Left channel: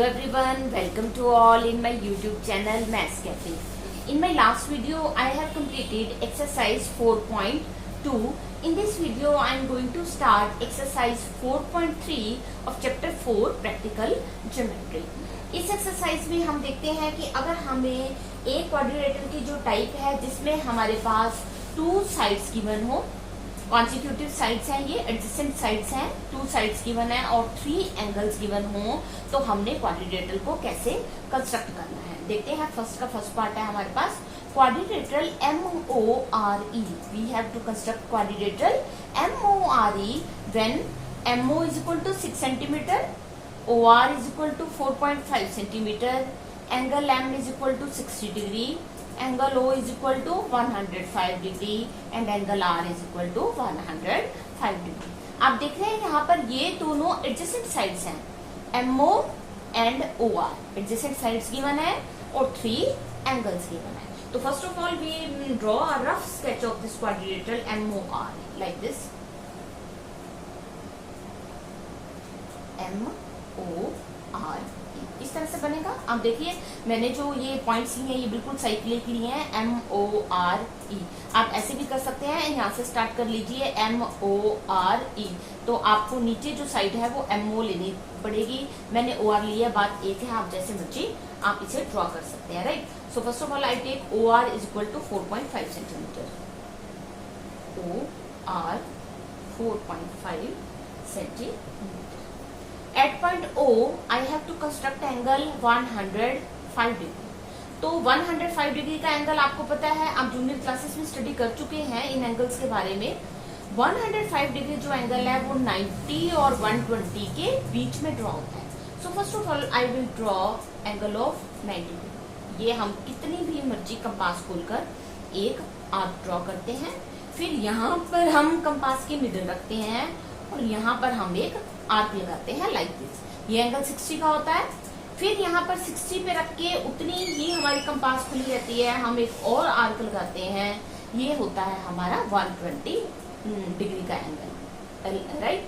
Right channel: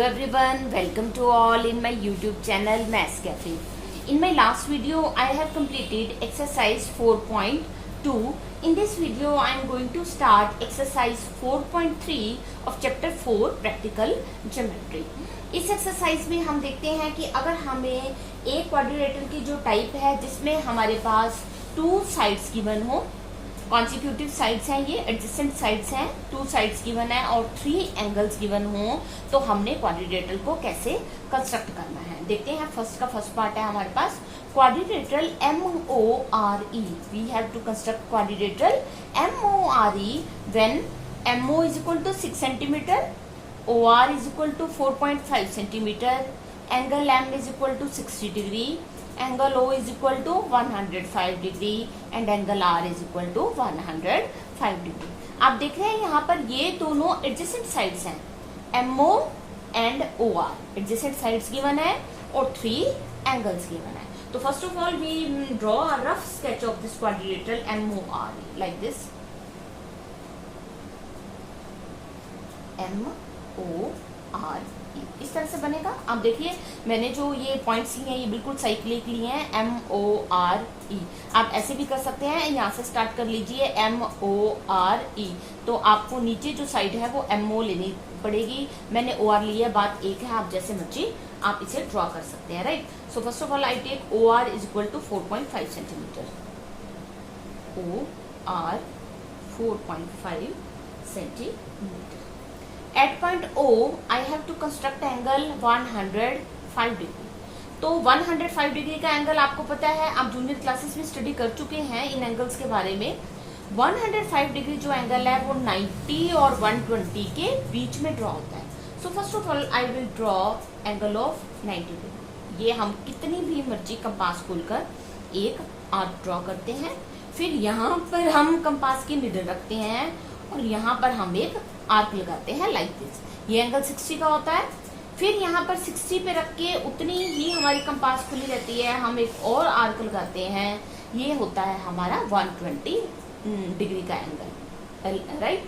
Hello everyone, welcome to all in my YouTube channel Maths Cafe. In my last video, I have completed exercise 4.2. In this video, I am going to start exercise 4.3 of chapter 4 practical geometry. इस exercise में हम देखते हैं कि अगर हमें एक quadrilateral की जो टाइप है जिसमें हमारे पास टू साइड्स गिवन हो, कॉन्सिक्यूटिव साइड्स हैं, ये एडजेसेंट साइड्स हैं, टू साइड्स गिवन है और 3 एंगल्स गिवन हो, तो हमने क्वाड्रिलेटरल को कैसे कंस्ट्रक्ट करना है देखते हैं। फर्स्ट पार्ट है हमारे पास quadrilateral MORE. We have to construct quadrilateral MORE when MO is equal to 6 centimetre, OR is equal to 4.5 centimeter, angle M is equal to 60 degree, angle O is equal to 105 degree and angle R is equal to 105 degree. आप देख रहे हैं यहाँ पर ये दोनों adjacent sides हैं, MO and OR adjacent sides given है और 3 एंगल्स गिवन है। तो first of all we draw a rough sketch of this quadrilateral MORE like this MORE इस तरह से बनेगा। आप देखिए मैंने जो ये पॉइंट्स लिए हैं ये बिल्कुल साइक्लिकली हैं, MORE। आप ऐसे भी कर सकते हैं, यहाँ से स्टार्ट कर लीजिए MORE। तो आपको नीचे जो साइड है वो MO लेनी पड़ेगी, मैंने OR लिया, बात एक है, आप जैसे मर्जी आप इसे ड्रॉ कर सकते हैं, right. So first of all I take OR is equal to 4.5 centimetre, OR 4.5 centimetre. At point O, I have to construct angle 105 degree. तो 105 डिग्री का एंगल आपको पता है, आप जूनियर क्लासेस में स्टडी कर चुके हैं इन एंगल्स के बारे में। 105 डिग्री जो एंगल है वो 90 और 120 के बीच में ड्रॉ होता है। सो first of all I will draw angle of 90 degree. ये हम कितनी भी मर्जी कंपास खोलकर एक आर्क ड्रॉ करते हैं, फिर यहाँ पर हम कंपास की निडल रखते हैं और यहाँ पर हम एक आर्क लगाते हैं लाइक दिस। ये एंगल 60 का होता है, फिर यहाँ पर 60 पे रख के उतनी ही हमारी कंपास खुली रहती है, हम एक और आर्क लगाते हैं, ये होता है हमारा 120 डिग्री का एंगल, राइट।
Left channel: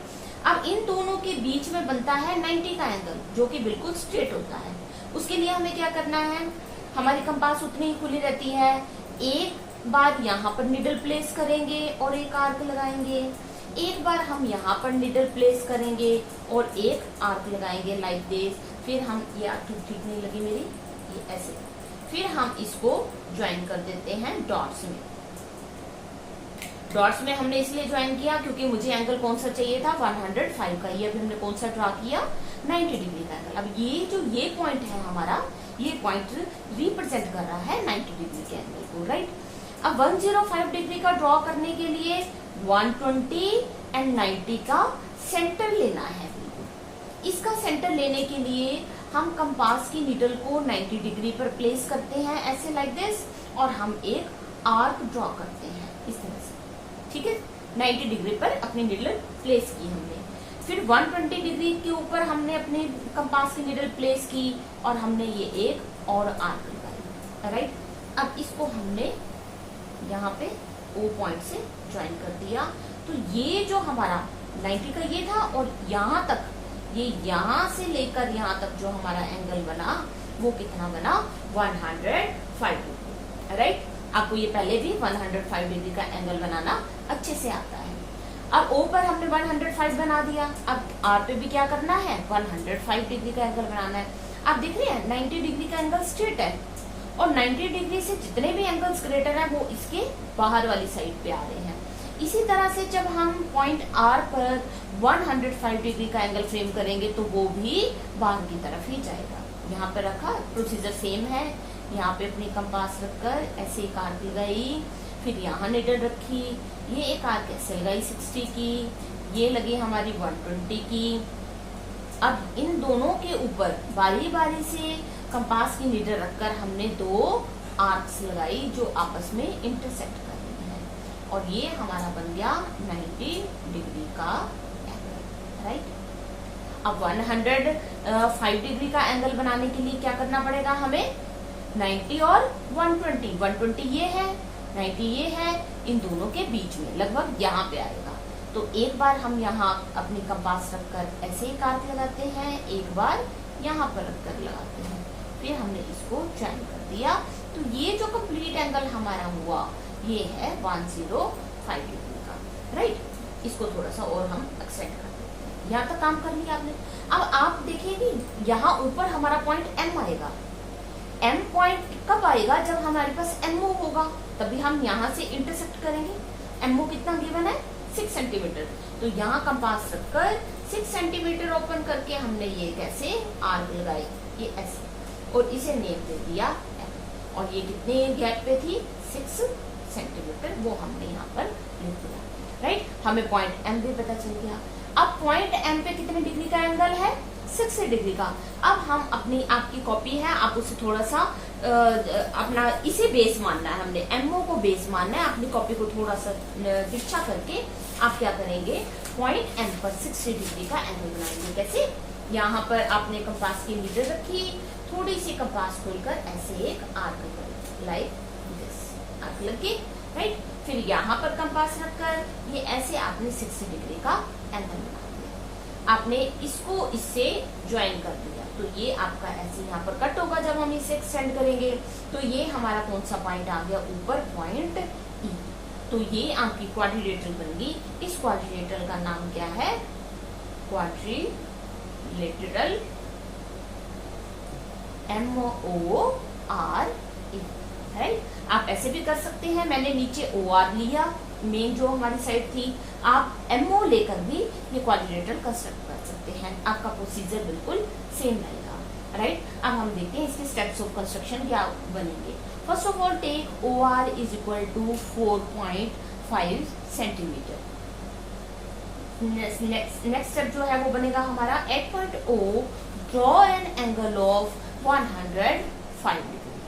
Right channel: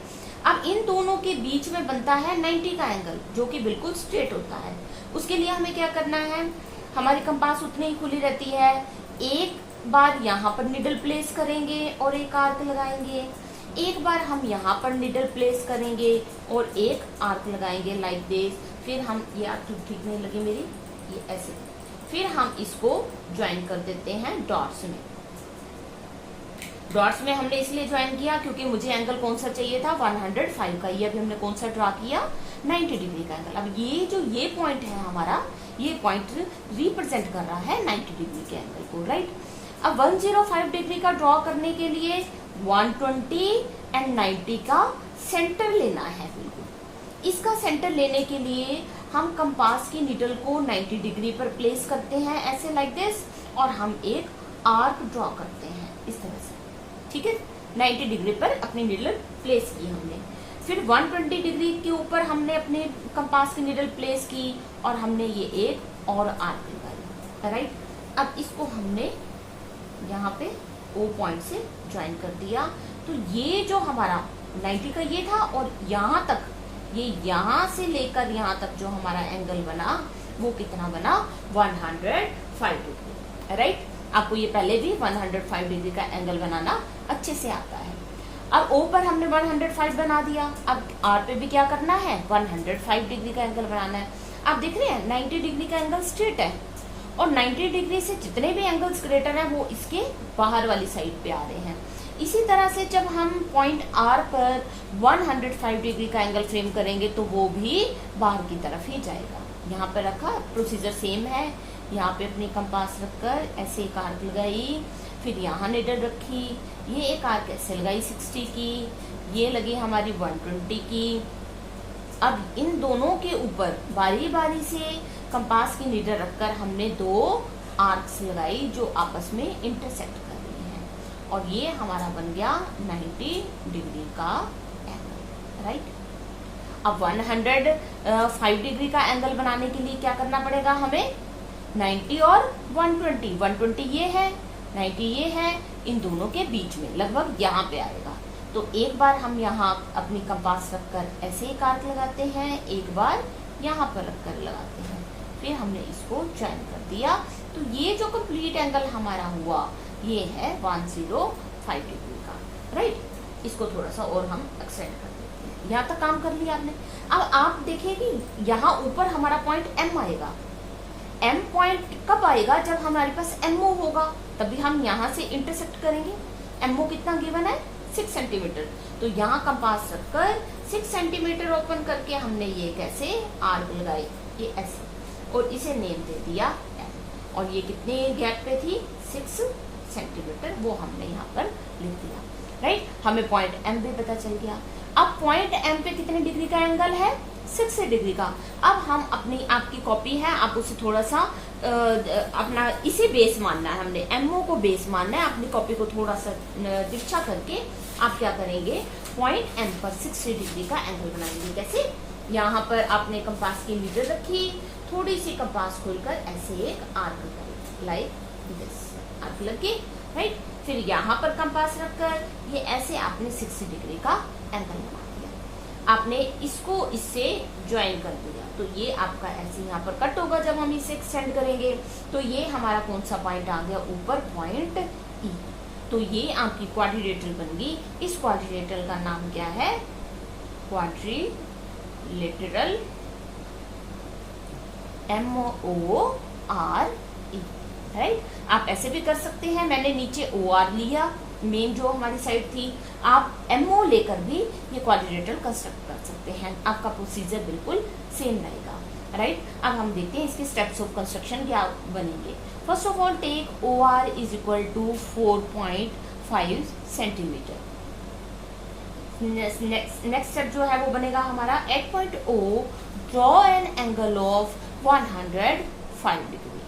अब इन दोनों के बीच में बनता है 90 का एंगल जो कि बिल्कुल स्ट्रेट होता है। उसके लिए हमें क्या करना है, हमारी कंपास उतनी ही खुली रहती है, एक बार यहाँ पर निडल प्लेस करेंगे और एक आर्क लगाएंगे, एक बार हम यहाँ पर निडल प्लेस करेंगे और एक आर्क लगाएंगे लाइक दिस। फिर हम ये आर्क ठीक नहीं लगी मेरी, ये ऐसे, फिर हम इसको ज्वाइन कर देते हैं डॉट्स में। डॉट्स में हमने इसलिए ज्वाइन किया क्योंकि मुझे एंगल कौन सा चाहिए था, 105 का। ये अभी हमने कौन सा ड्रा किया, 90 डिग्री का एंगल। अब ये जो ये पॉइंट है हमारा, ये पॉइंट रिप्रेजेंट कर रहा है 90 डिग्री के एंगल को, राइट। अब 105 डिग्री का ड्रॉ करने के लिए 120 एंड 90 का सेंटर लेना है बिल्कुल। इसका सेंटर लेने के लिए हम कंपास की निडल को 90 डिग्री पर प्लेस करते हैं ऐसे लाइक दिस, और हम एक आर्क ड्रॉ करते हैं इस तरह से, ठीक है। 90 डिग्री पर अपनी निडल प्लेस की हमने, फिर 120 डिग्री के ऊपर हमने अपनी कंपास की निडल प्लेस की और हमने ये एक और आर्क लगाई, राइट। अब इसको हमने यहाँ पे O पॉइंट से ज्वाइन कर दिया। तो ये जो हमारा 90 का ये था और यहाँ तक, ये यहाँ से लेकर यहाँ तक जो हमारा एंगल बना वो कितना बना, 105 डिग्री, राइट। आपको ये पहले भी 105 डिग्री का एंगल बनाना अच्छे से आता है। अब O पर हमने 105 बना दिया, अब R पे भी क्या करना है, 105 डिग्री का एंगल बनाना है। आप देख रहे हैं 90 डिग्री का एंगल स्ट्रेट है और 90 डिग्री से जितने भी एंगल्स ग्रेटर हैं वो इसके बाहर वाली साइड पे आ रहे हैं। इसी तरह से जब हम पॉइंट R पर 105 डिग्री का एंगल फ्रेम करेंगे तो वो भी बाहर की तरफ ही जाएगा। यहाँ पर रखा, प्रोसीजर सेम है, यहाँ पे अपनी कंपास रखकर ऐसे एक आर्क लगाई, फिर यहाँ निडल रखी, ये एक आर्क ऐसे लगाई 60 की, ये लगी हमारी 120 की। अब इन दोनों के ऊपर बारी बारी से कंपास की निडल रखकर हमने 2 आर्क्स लगाई जो आपस में इंटरसेक्ट कर रही हैं और ये हमारा बन गया 90 डिग्री का एंगल, राइट। अब 105 डिग्री का एंगल बनाने के लिए क्या करना पड़ेगा हमें, 90 और 120 ये है, 90 ये है, इन दोनों के बीच में लगभग यहाँ पे आएगा। तो एक बार हम यहाँ अपनी कंपास रखकर ऐसे एक आर्क लगाते हैं, एक बार यहाँ पर रखकर लगाते हैं, फिर हमने इसको ज्वाइन कर दिया। तो ये जो कंप्लीट एंगल हमारा हुआ ये है 105 डिग्री का, राइट। इसको थोड़ा सा और हम एक्सटेंड कर देते हैं। यहाँ तक काम कर लिया आपने। अब आप देखिए कि यहाँ ऊपर हमारा पॉइंट एम आएगा। एम पॉइंट कब आएगा? जब हमारे पास एमओ होगा, तभी हम यहाँ से इंटरसेक्ट करेंगे। एमओ कितना गिवन है? 6 सेंटीमीटर। तो यहाँ कंपास रखकर 6 सेंटीमीटर ओपन करके हमने ये कैसे आर्क लगाई, ये ऐसे, और इसे नेम दे दिया एम। और ये कितने गैप पे थी? 6 सेंटीमीटर, वो हमने यहाँ पर लिख दिया, राइट। हमें पॉइंट एम भी पता चल गया। अब पॉइंट एम पे कितने डिग्री का एंगल है? 6 डिग्री का। अब हम अपनी, आपकी कॉपी है, आप उसे थोड़ा सा अपना इसे बेस मानना है, हमने एमओ को बेस मानना है। अपनी कॉपी को थोड़ा सा तिरछा करके आप क्या करेंगे? पॉइंट एम पर 60 डिग्री का एंगल बनाएंगे। कैसे? यहाँ पर आपने कंपास की नीडल रखी, थोड़ी सी कंपास खोलकर ऐसे एक आर्क करें, लाइक दिस, आर्क लगे, राइट। फिर यहाँ पर कंपास रखकर ये ऐसे आपने 60 डिग्री का एंगल बना दिया। आपने इसको इससे ज्वाइन कर दिया, तो ये आपका ऐसे यहाँ पर कट होगा जब हम इसे एक्सटेंड करेंगे। तो ये हमारा कौन सा पॉइंट आ गया? ऊपर पॉइंट ई। तो ये आपकी क्वाड्रिलेटरल बन गई। इस क्वाड्रिलेटरल का नाम क्या है? Quadrilateral MORE, right. आप ऐसे भी कर सकते हैं। मैंने नीचे OR लिया, मेन जो हमारी साइड थी। आप MO लेकर भी ये क्वाड्रिलेटरल कंस्ट्रक्ट कर सकते हैं। आपका प्रोसीजर बिल्कुल सेम रहेगा, राइट। अब हम देखते हैं इसके स्टेप्स ऑफ कंस्ट्रक्शन क्या बनेंगे। First of all take OR is equal to 4.5 centimetre. Next step जो है वो बनेगा हमारा at point O draw an angle of 105 degree.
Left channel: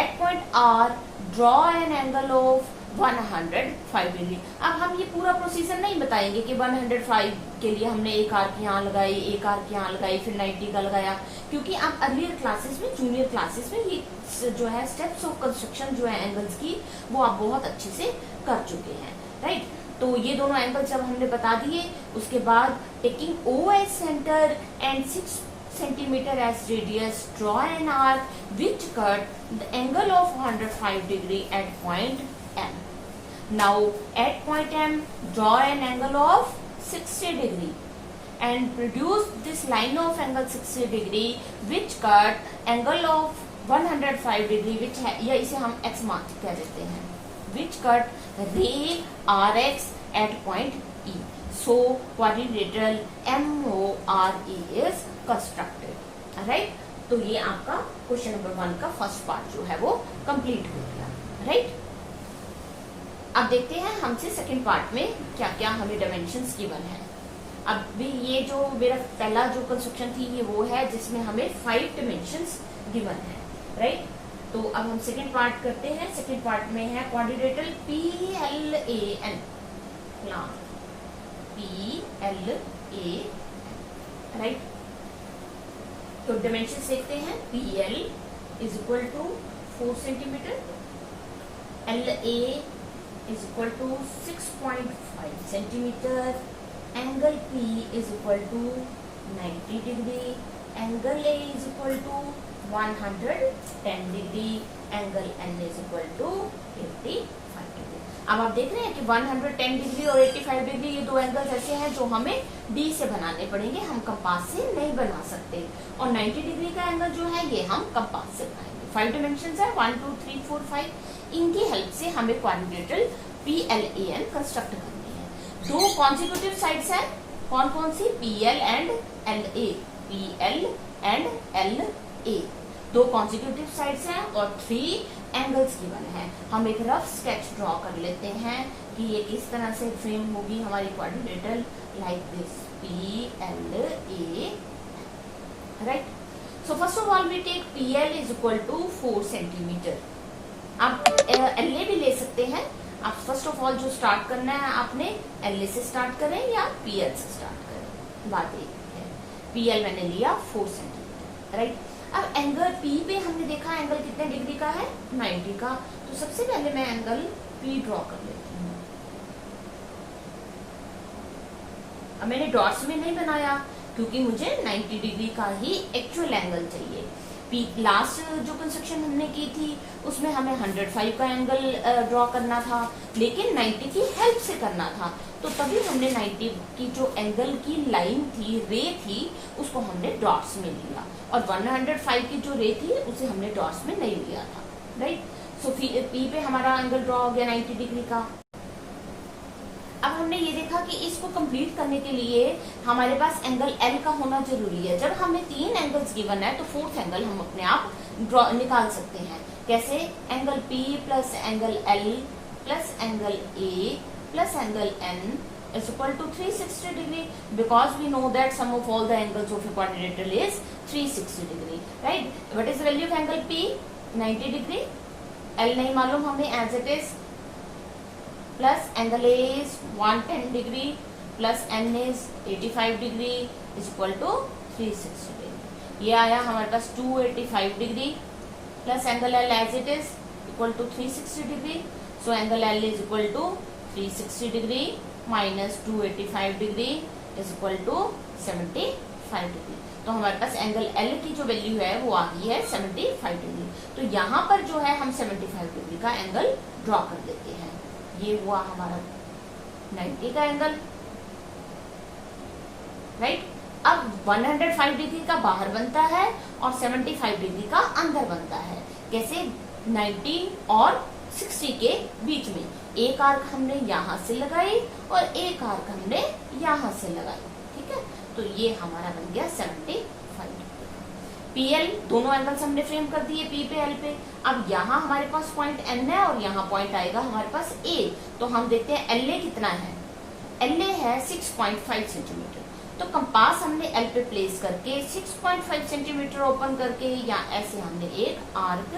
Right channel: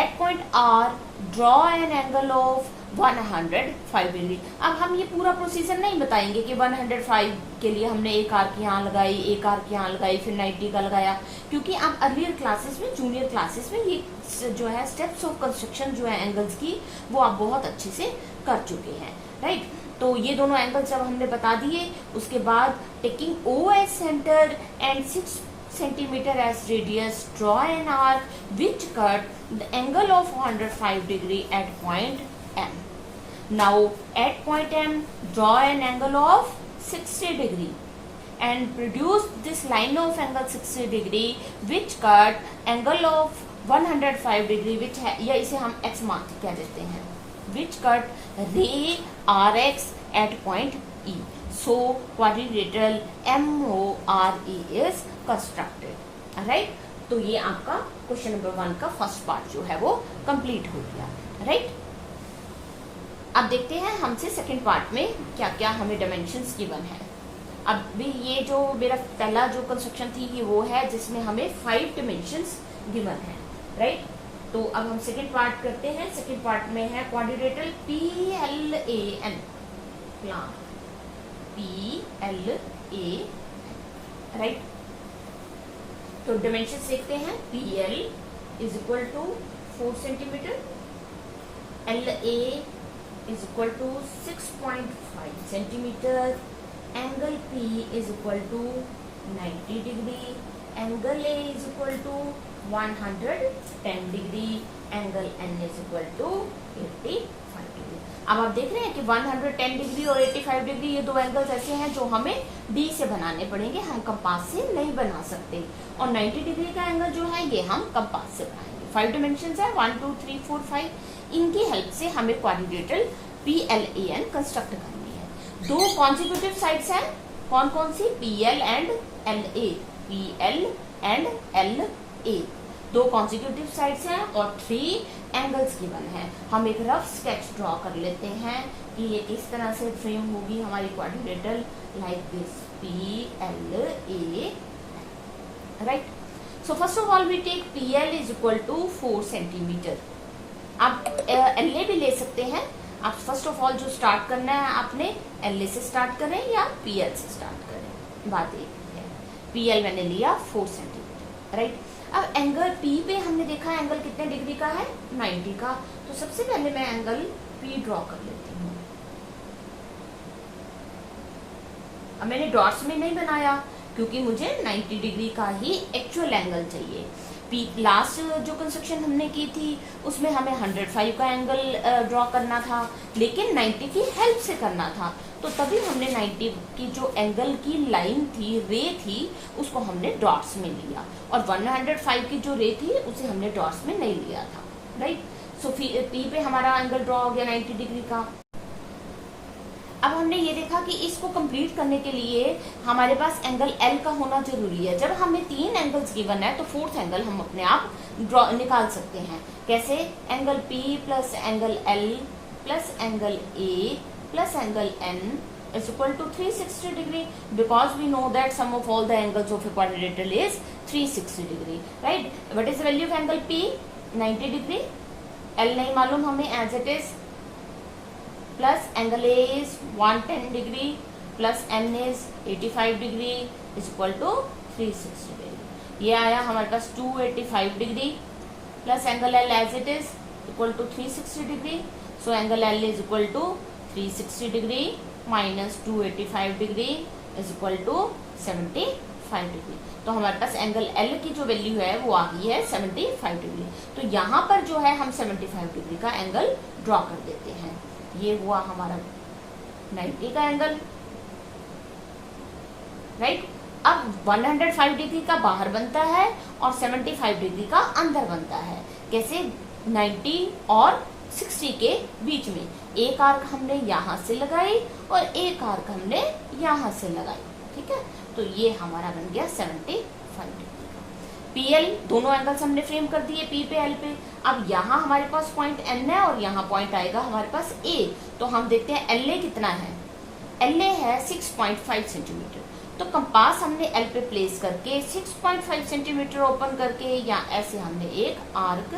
At point R draw an angle of 105 degree. अब हम ये पूरा प्रोसीजर नहीं बताएंगे कि 105 के लिए हमने एक आर्क यहाँ लगाई, एक आर्क यहाँ लगाई, फिर 90 का लगाया, क्योंकि आप अर्लियर क्लासेस में, जूनियर क्लासेस में ये जो है स्टेप्स ऑफ कंस्ट्रक्शन जो है एंगल्स की, वो आप बहुत अच्छे से कर चुके हैं, राइट। तो ये दोनों एंगल्स जब हमने बता दिए, उसके बाद taking O as centre and 6 centimeter as radius, draw an arc which cut the angle of 105 degree at point M. Now at point M, draw an angle of 60 degree and produce this line of angle 60 degree which cut angle of 105 degree, which है, या इसे हम x mark कह देते हैं, which cut ray RX at point E. So quadrilateral MORE is constructed, right. तो ये आपका क्वेश्चन नंबर 1 का फर्स्ट पार्ट जो है वो कंप्लीट हो गया, राइट। अब देखते हैं हमसे सेकंड पार्ट में क्या क्या हमें डायमेंशंस गिवन है। अब भी ये जो मेरा पहला जो कंस्ट्रक्शन थी ये वो है जिसमें हमें 5 डायमेंशंस गिवन है, राइट। तो अब हम सेकंड पार्ट करते हैं। सेकंड पार्ट में है क्वाड्रिलेटरल PLAN, PLAN, राइट। तो डायमेंशन देखते हैं। PL is equal to 4 centimetre, LA is equal to 6.5 centimetre, angle P is equal to 90 degree, angle A is equal to 110 degree, angle N is equal to 85 degree. अब आप देख रहे हैं कि 110 degree और 85 डिग्री ये दो एंगल्स ऐसे हैं जो हमें D से बनाने पड़ेंगे, हम कंपास से नहीं बना सकते। और 90 डिग्री का एंगल जो है ये हम कंपास से बनाएंगे। 5 डायमेंशंस है, 1 2 3 4 5। इनकी हेल्प से हमें क्वाड्रिलेटरल PLAN कंस्ट्रक्ट करनी है। दो कॉन्सिक्यूटिव साइड्स हैं, कौन कौन सी? PL and LA, PL and LA, दो कॉन्सिक्यूटिव साइड्स हैं और 3 एंगल्स गिवन है। हम एक रफ स्केच ड्रॉ कर लेते हैं कि ये किस तरह से फ्रेम होगी हमारी quadrilateral, like this PLA, right. So first of all we take PL is equal to 4 centimetre. आप LA भी ले सकते हैं। आप फर्स्ट ऑफ ऑल जो स्टार्ट करना है आपने LA से स्टार्ट करें या PL से स्टार्ट करें, बात एक है। PL मैंने लिया 4 सेंटीमीटर, राइट। अब एंगल P पे हमने देखा एंगल कितने डिग्री का है? 90 का। तो सबसे पहले मैं एंगल P ड्रॉ कर लेती हूँ। अब मैंने डॉट्स में नहीं बनाया क्योंकि मुझे 90 डिग्री का ही एक्चुअल एंगल चाहिए। लास्ट जो कंस्ट्रक्शन हमने की थी उसमें हमें 105 का एंगल ड्रॉ करना था, लेकिन 90 की हेल्प से करना था, तो तभी हमने 90 की जो एंगल की लाइन थी, रे थी, उसको हमने डॉट्स में लिया, और 105 की जो रे थी उसे हमने डॉट्स में नहीं लिया था, राइट। सो पी पे हमारा एंगल ड्रॉ हो गया 90 डिग्री का। अब हमने ये देखा कि इसको कंप्लीट करने के लिए हमारे पास एंगल एल का होना जरूरी है। जब हमें 3 एंगल्स गिवन है तो 4th एंगल हम अपने आप ड्रॉ निकाल सकते हैं। कैसे? Angle P plus angle L plus angle A plus angle N is equal to 360 degree, because we know that sum of all the angles of a quadrilateral is 360 degree, right? What is the value of angle P? 90 degree. L नहीं मालूम हमें as it is, plus angle A is 110 degree plus N is 85 degree is equal to 360 degree. ये आया हमारे पास 285 degree plus angle L as it is equal to 360 degree. So angle L is equal to 360 degree minus 285 degree is equal to 75 degree. तो हमारे पास angle L की जो value है वो आ गई है 75 डिग्री। तो यहाँ पर जो है हम 75 डिग्री का एंगल ड्रॉ कर देते हैं। ये हुआ हमारा 90 का एंगल, राइट। अब 105 डिग्री का बाहर बनता है और 75 डिग्री का अंदर बनता है। कैसे? 90 और 60 के बीच में एक आर्क हमने यहां से लगाई और एक आर्क हमने यहां से लगाई, ठीक है। तो ये हमारा बन गया 75 डिग्री। पीएल दोनों एंगल्स हमने फ्रेम कर दिए पी पे एल पे। अब यहाँ हमारे पास पॉइंट एन है और यहाँ पॉइंट आएगा हमारे पास ए। तो हम देखते हैं एल ए कितना है। एल ए है 6.5 सेंटीमीटर। तो कंपास हमने एल पे प्लेस करके 6.5 सेंटीमीटर ओपन करके या ऐसे हमने एक आर्क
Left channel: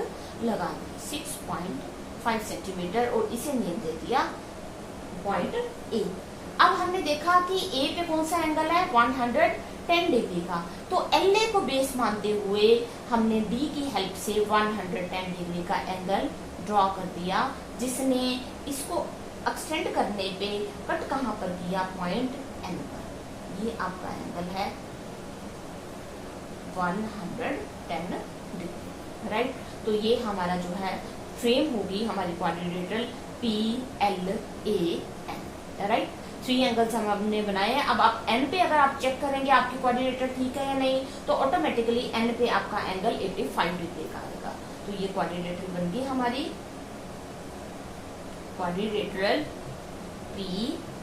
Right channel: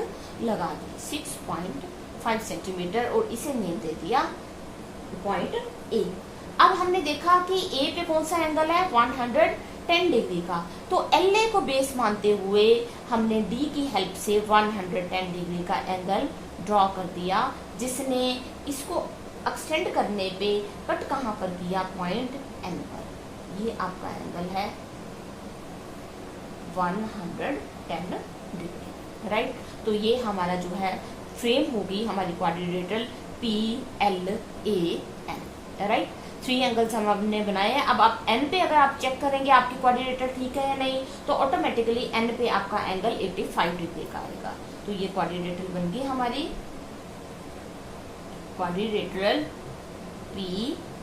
लगा दी 6.5 सेंटीमीटर और इसे नेम दे दिया पॉइंट ए। अब हमने देखा कि ए पे कौन सा एंगल है 110 डिग्री का। तो एल ए को बेस मानते हुए हमने डी की हेल्प से 110 डिग्री का एंगल ड्रॉ कर दिया, जिसने इसको एक्सटेंड करने पे कट कहां पर किया? पॉइंट एन पर। ये आपका एंगल है 110 डिग्री, राइट। तो ये हमारा जो है फ्रेम होगी हमारी quadrilateral P L A N, right. 3 angles हमने बनाए हैं। अब आप एन पे अगर आप चेक करेंगे आपकी क्वाड्रिलेटरल ठीक है या नहीं, तो ऑटोमेटिकली एन पे आपका एंगल 85 डिग्री का आएगा। तो ये क्वाड्रिलेटरल बन गई हमारी quadrilateral P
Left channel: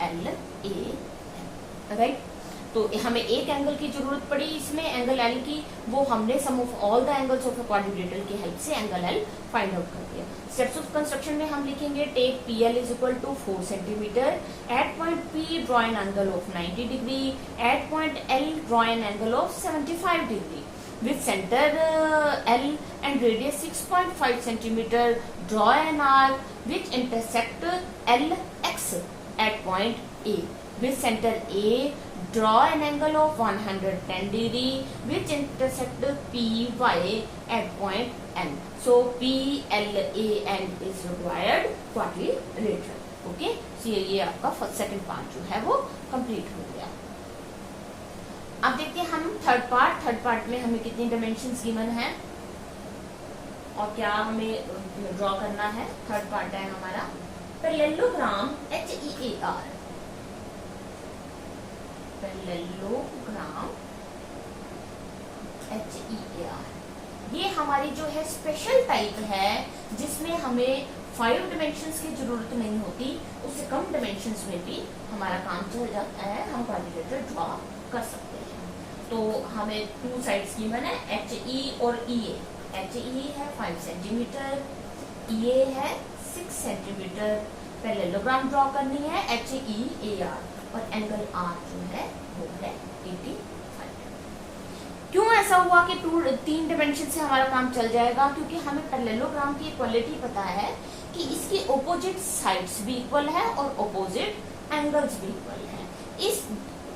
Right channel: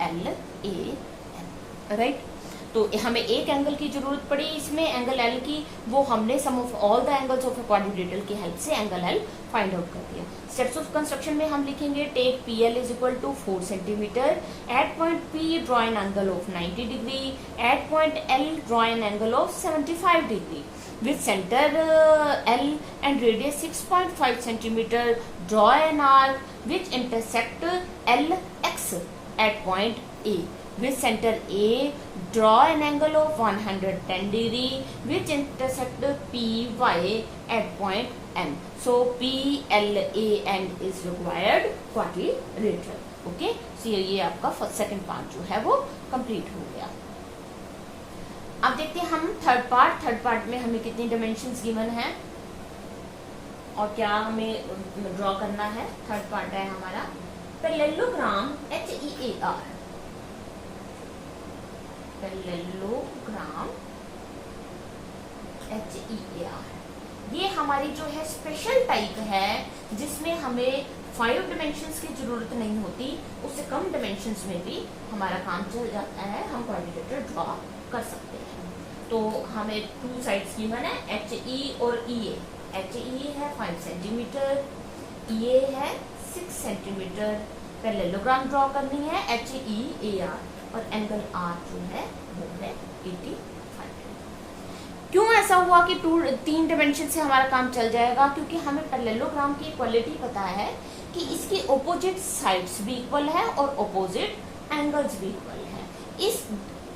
L A N, right. तो हमें एक एंगल की जरूरत पड़ी इसमें एंगल एल की, वो हमने sum of all the angles of quadrilateral की हेल्प से एंगल एल फाइंड आउट कर दिया। स्टेप्स ऑफ कंस्ट्रक्शन में हम लिखेंगे take P L is equal to 4 centimetre, at point P draw an angle of 90 degree, at point L draw an angle of 75 degree with center L and radius 6.5 centimeter. Draw an arc which intersect LX at point A. With center A, draw an angle of 110 degree which intersect PY at point N. So PLAN is required quadrilateral. Okay, so ये आपका second part जो है वो complete हो गया। अब देखते हैं हम थर्ड पार्ट। थर्ड पार्ट में हमें कितनी डायमेंशंस गिवन है और क्या हमें ड्रॉ करना है। थर्ड पार्ट है हमारा पैरेललोग्राम HEAR। पैरेललोग्राम HEAR ये हमारी जो है स्पेशल टाइप है जिसमें हमें 5 डायमेंशंस की जरूरत नहीं होती, उससे कम डायमेंशंस में भी हमारा काम चल जाता है, हम क्वाड्रिलेटरल ड्रॉ कर सकते हैं। तो हमें 2 साइड्स गिवन है HE और EA। HE है 5 सेंटीमीटर, EA है 6 सेंटीमीटर। पैरेललोग्राम ड्रॉ करनी है HEAR और एंगल R जो है वो है 85। क्यों ऐसा हुआ कि 3 डायमेंशन से हमारा काम चल जाएगा? क्योंकि हमें पैरेललोग्राम की क्वालिटी पता है कि इसकी ऑपोजिट साइड्स भी इक्वल है और ऑपोजिट एंगल्स भी इक्वल है। इस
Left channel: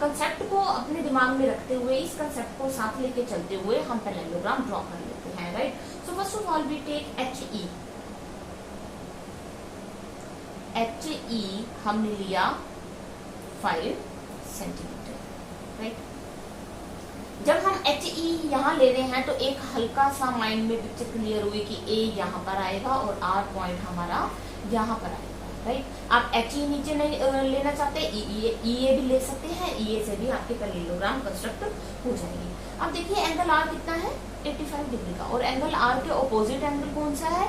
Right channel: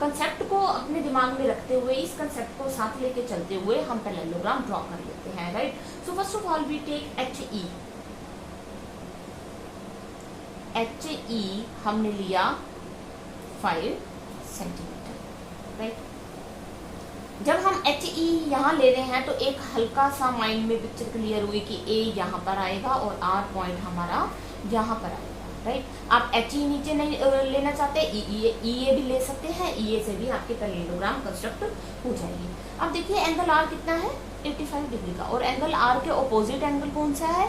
कंसेप्ट को अपने दिमाग में रखते हुए, इस कंसेप्ट को साथ लेके चलते हुए हम पैरेललोग्राम ड्रॉ कर लेते हैं, right. So first of all we take HE। HE हमने लिया 5 सेंटीमीटर, राइट। जब हम एच ई यहाँ ले रहे हैं तो एक हल्का सा माइंड में पिक्चर क्लियर हुई कि ए यहाँ पर आएगा और आर पॉइंट हमारा यहाँ पर आएगा, राइट। आप एच ई नीचे नहीं लेना चाहते, ई ए भी ले सकते हैं, ई ए से भी आपके पैरेललोग्राम कंस्ट्रक्ट हो जाएंगे। अब देखिए एंगल आर कितना है, 85 डिग्री का, और एंगल आर के ऑपोजिट एंगल कौन सा है,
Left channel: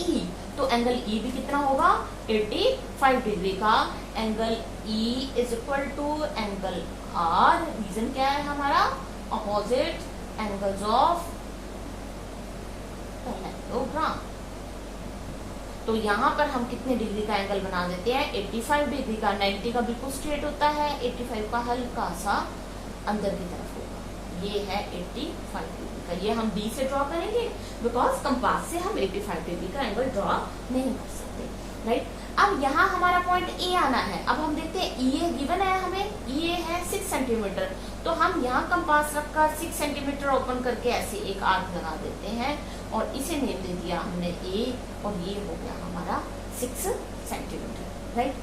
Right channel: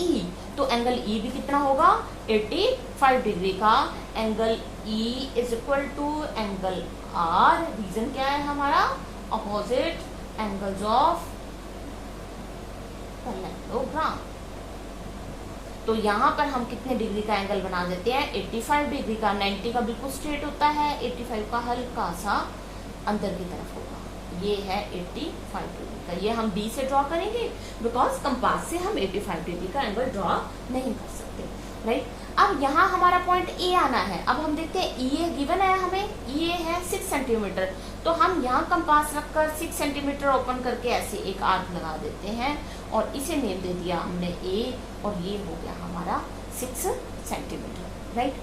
ई। तो एंगल ई भी कितना होगा, 85 डिग्री का। Angle E is equal to angle R, reason क्या है हमारा, ऑपोजिट एंगल्स ऑफ पैरेललोग्राम। तो यहाँ पर हम कितने डिग्री का एंगल बना देते हैं, 85 डिग्री का। 90 का बिल्कुल स्ट्रेट होता है, 85 का हल्का सा अंदर की तरफ होगा। ये है 85 डिग्री का। ये हम बी से ड्रॉ करेंगे बिकॉज कंपास से हम 85 डिग्री का एंगल ड्रॉ नहीं कर सकते, राइट। अब यहाँ हमारा पॉइंट ए आना है। अब हम देखते हैं ई ए गिवन है हमें, ई ए है 6 सेंटीमीटर। तो हम यहाँ कंपास रखकर 6 सेंटीमीटर ओपन करके ऐसे एक आर्क लगा देते हैं और इसे नेम दे दिया हमने ए, और ये हो गया हमारा 6 सेंटीमीटर, राइट।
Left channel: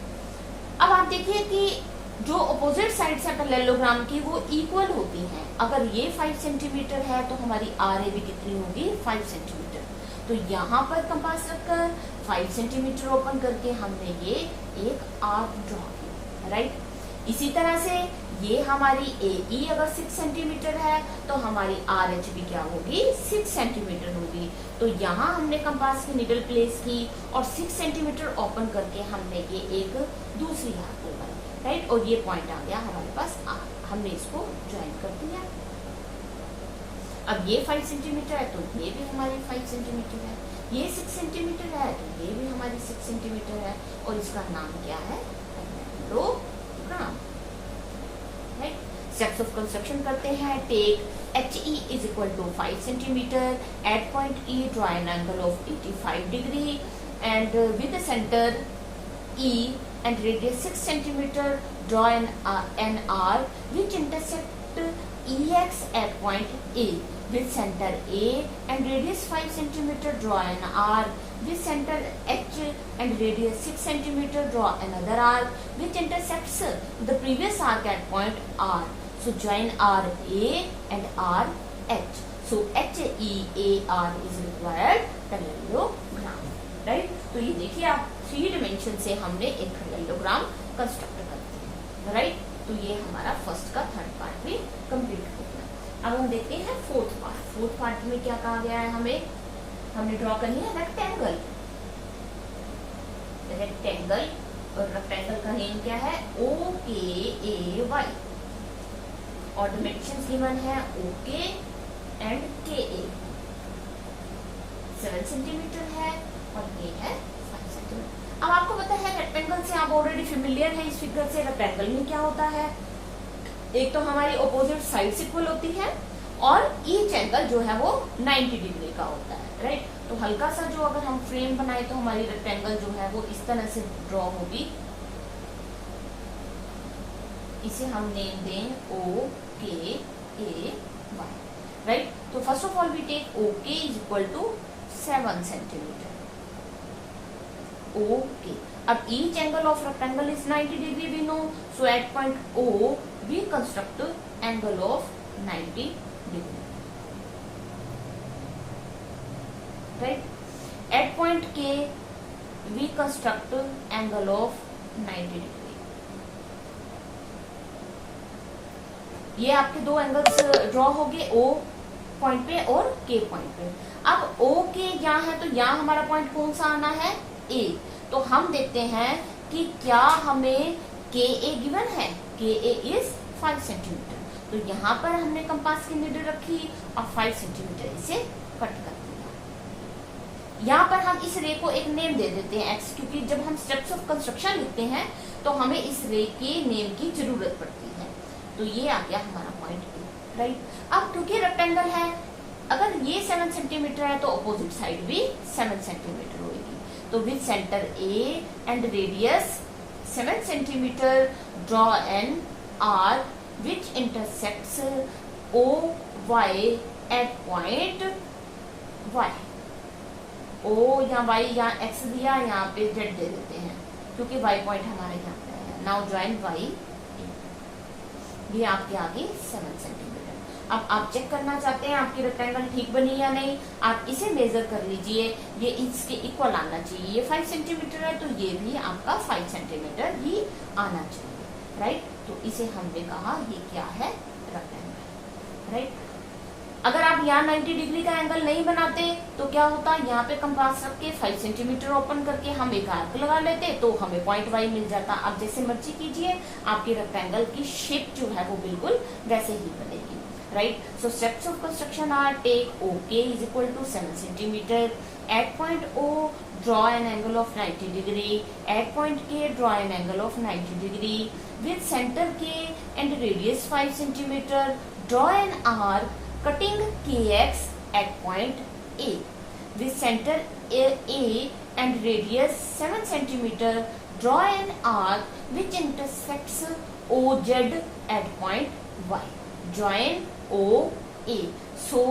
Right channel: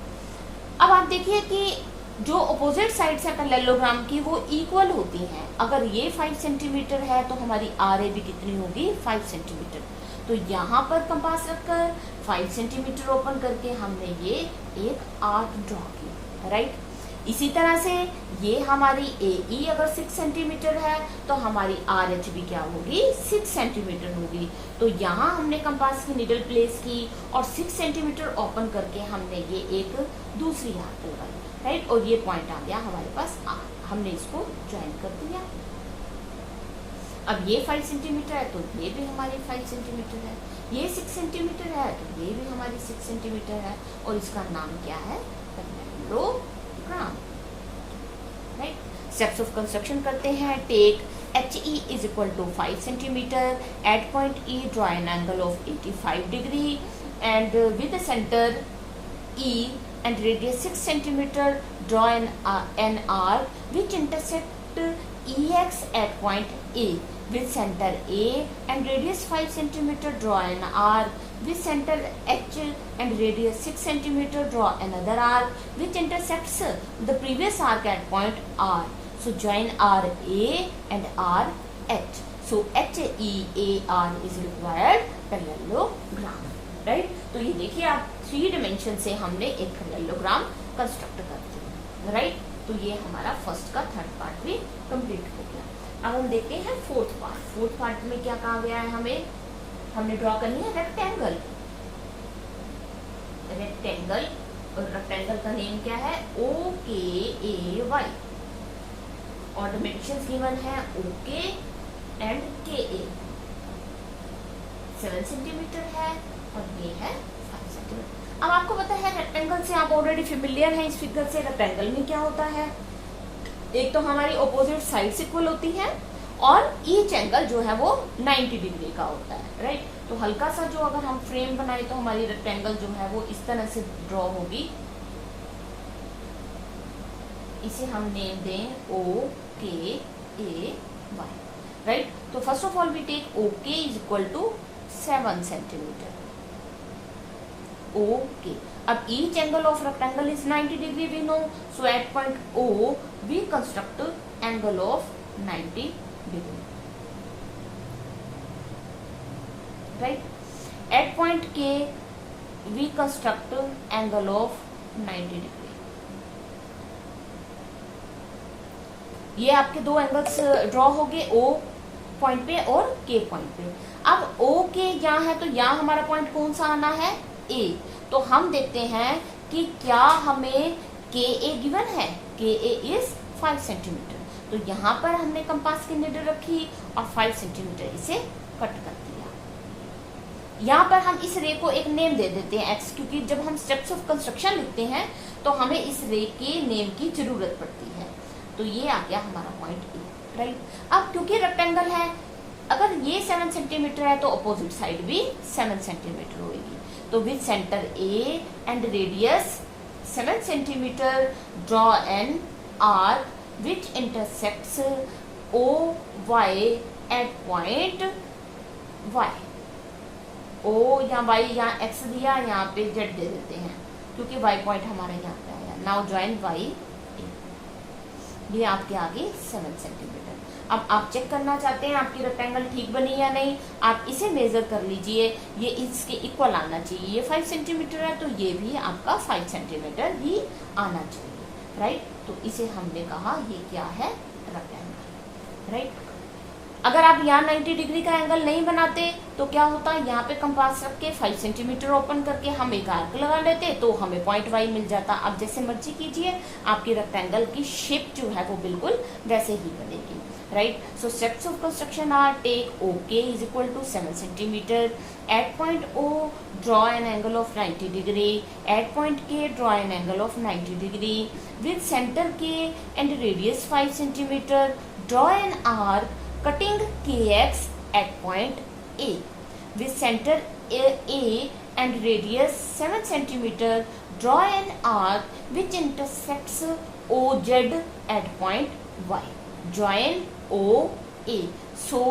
अब आप देखिए कि जो अपोजिट साइड्स है पैरेललोग्राम की वो इक्वल होती हैं। अगर ये 5 सेंटीमीटर है तो हमारी आर ए भी कितनी होगी, 5 सेंटीमीटर। तो यहाँ पर कंपास रखकर 5 सेंटीमीटर ओपन करके हमने ये एक आर्क ड्रॉ किया, राइट। इसी तरह से ये हमारी ए ई अगर 6 सेंटीमीटर है तो हमारी आर एच भी क्या होगी, 6 सेंटीमीटर होगी। तो यहाँ हमने कंपास की निडल प्लेस की और 6 सेंटीमीटर ओपन करके हमने ये एक दूसरी आर्क लगाई, राइट। और ये पॉइंट आ गया हमारे पास आर, हमने इसको ज्वाइन कर दिया। अब ये 5 सेंटीमीटर है तो ये भी हमारी 5 सेंटीमीटर है, ये 6 सेंटीमीटर है तो ये भी हमारी 6 सेंटीमीटर है, और इसका नाम क्या है, parallelogram, right. Steps of construction करते हैं। Take H E is equal to 5 centimetre, at point E draw an angle of 85 degree and with centre E and radius 6 centimeter, draw an arc which intersect EX at point A with center A and radius 5 centimeter, draw an arc with center H and radius 6 centimeter, draw another arc which intersects the previous arc at point R. So join R A and R H. So H E A R is required parallelogram, right. तो ये देखिए आप 3 dimension से हमने एक parallelogram construct करते हैं, right. तो ये हमारा फर्स्ट का थर्ड पार्ट भी कंप्लीट हो गया। अब हम देखते हैं फोर्थ पार्ट। फोर्थ पार्ट में क्या कहा गया है हमें, हमने ड्रॉ करनी है रेक्टेंगल। रेक्टेंगल, और रेक्टेंगल का नेम क्या है, ओ के ए वाई, और डायमेंशन गिवन है ओ के एंड के ए। 7 सेंटीमीटर है और ये है 5 सेंटीमीटर। अब आपको पता है रेक्टेंगल से आप ऑलरेडी फेमिलियर हैं इस फिगर से। रेक्टेंगल में क्या होता है, एक तो हमारी ऑपोजिट साइड्स इक्वल होती हैं और ईच एंगल जो है वो 90 डिग्री का होता है, राइट। तो हल्का सा जो अगर हम फ्रेम बनाए तो हमारी रेक्टेंगल जो है वो इस तरह से ड्रॉ होगी। इसे हम नेम दें O K A Y, right. तो first of all we take O K is equal to 7 centimetre, okay. अब each angle of rectangle is 90 degree we know, so at point O we construct angle of 90 degree, right. At point K we construct angle of 90 degree. ये आपके दो angles draw हो गए, O point पे और K point पे। अब O के यहाँ है तो यहाँ हमारा पॉइंट कौन सा आना है, A। तो हम देखते हैं कि क्या हमें के ए गिवन है, के ए इज 5 सेंटीमीटर। तो यहाँ पर हमने कंपास की निडल रखी और 5 सेंटीमीटर इसे कट कर दिया। यहाँ पर हम इस रे को एक नेम दे देते हैं एक्स, क्योंकि जब हम स्टेप्स ऑफ कंस्ट्रक्शन लिखते हैं तो हमें इस रे के नेम की जरूरत पड़ती है। तो ये आ गया हमारा पॉइंट ए, राइट। अब क्योंकि रेक्टेंगल है, अगर ये 7 सेंटीमीटर है तो अपोजिट साइड भी 7 सेंटीमीटर होगी। तो with centre A and radius 7 centimetre, draw an arc which intersects O Y at point Y. O या वाई या एक्स दिया, यहाँ पे जेड दे देते हैं क्योंकि वाई पॉइंट हमारे यहाँ पे है। नाउ ज्वाइन वाई, ये आपके आगे 7 सेंटीमीटर। अब आप चेक करना चाहते हैं आपकी रेक्टेंगल ठीक बनी या नहीं, आप इसे मेजर कर लीजिए, ये इसके इक्वल आना चाहिए। ये 5 सेंटीमीटर है तो ये भी आपका 5 सेंटीमीटर ही आना चाहिए, राइट। तो इसे हमने कहा ये क्या है, रेक्टेंगल, राइट। अगर आप यहाँ 90 डिग्री का एंगल नहीं बनाते तो क्या होता, यहाँ पे कंपास रख के 5 सेंटीमीटर ओपन करके हम एक आर्क लगा लेते तो हमें पॉइंट वाई मिल जाता। अब जैसे मर्जी कीजिए, आपकी रेक्टेंगल की शेप जो है वो बिल्कुल वैसे ही बनेगी, right. So steps of construction are, take O K is equal to 7 centimetre, at point O draw an angle of 90 degree, at point K draw an angle of 90 degree, with center K and radius 5 centimeter, draw an arc cutting KX at point A, with center A and radius 7 centimeter, draw an arc which intersects OZ at point Y, join OA, so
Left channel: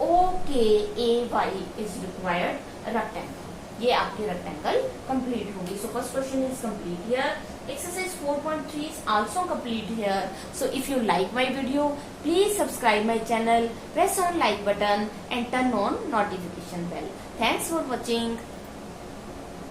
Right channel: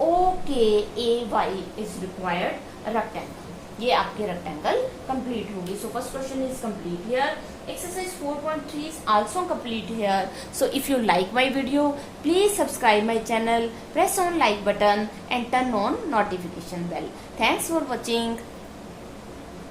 OKAY is required rectangle। ये आपके rectangle complete होगी। So first question is complete here. Exercise 4.3 is also complete here. So if you like my video, please subscribe my channel, press on like button and turn on notification bell. Thanks for watching.